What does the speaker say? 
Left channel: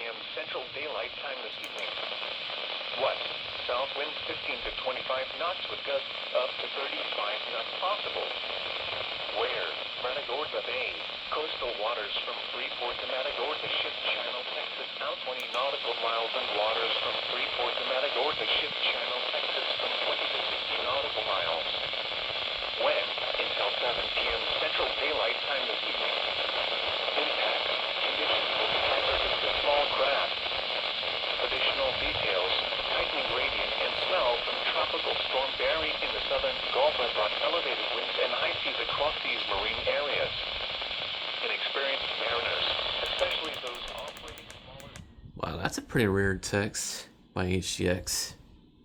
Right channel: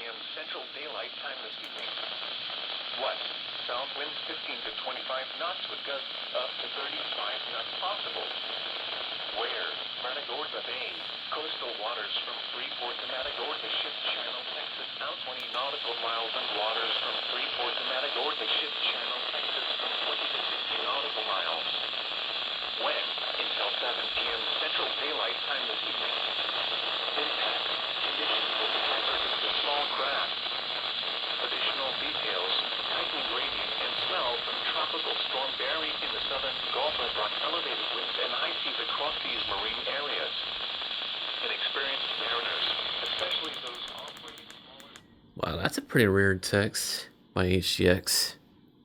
p.m. Central Daylight Time this evening. West, south winds 15 to 25 knots with gusts up to 35 knots possible. Where? Matagorda Bay. Coastal waters from Freeport to Matagorda, Ship Channel, Texas. Now 20 nautical miles and waters from Freeport to Matagorda, Ship Channel, Texas from 20 to 60 nautical miles. When? Until 7 p.m. Central Daylight Time this evening. Impact. Conditions will be hazardous to small craft. Additional details. Tightening gradient and swell from Tropical Storm Barry in the southern Gulf have brought elevated winds and high seas across these marine areas. Inexperienced mariners, especially those operating smaller... Wow, that's a pretty rare text by HGX.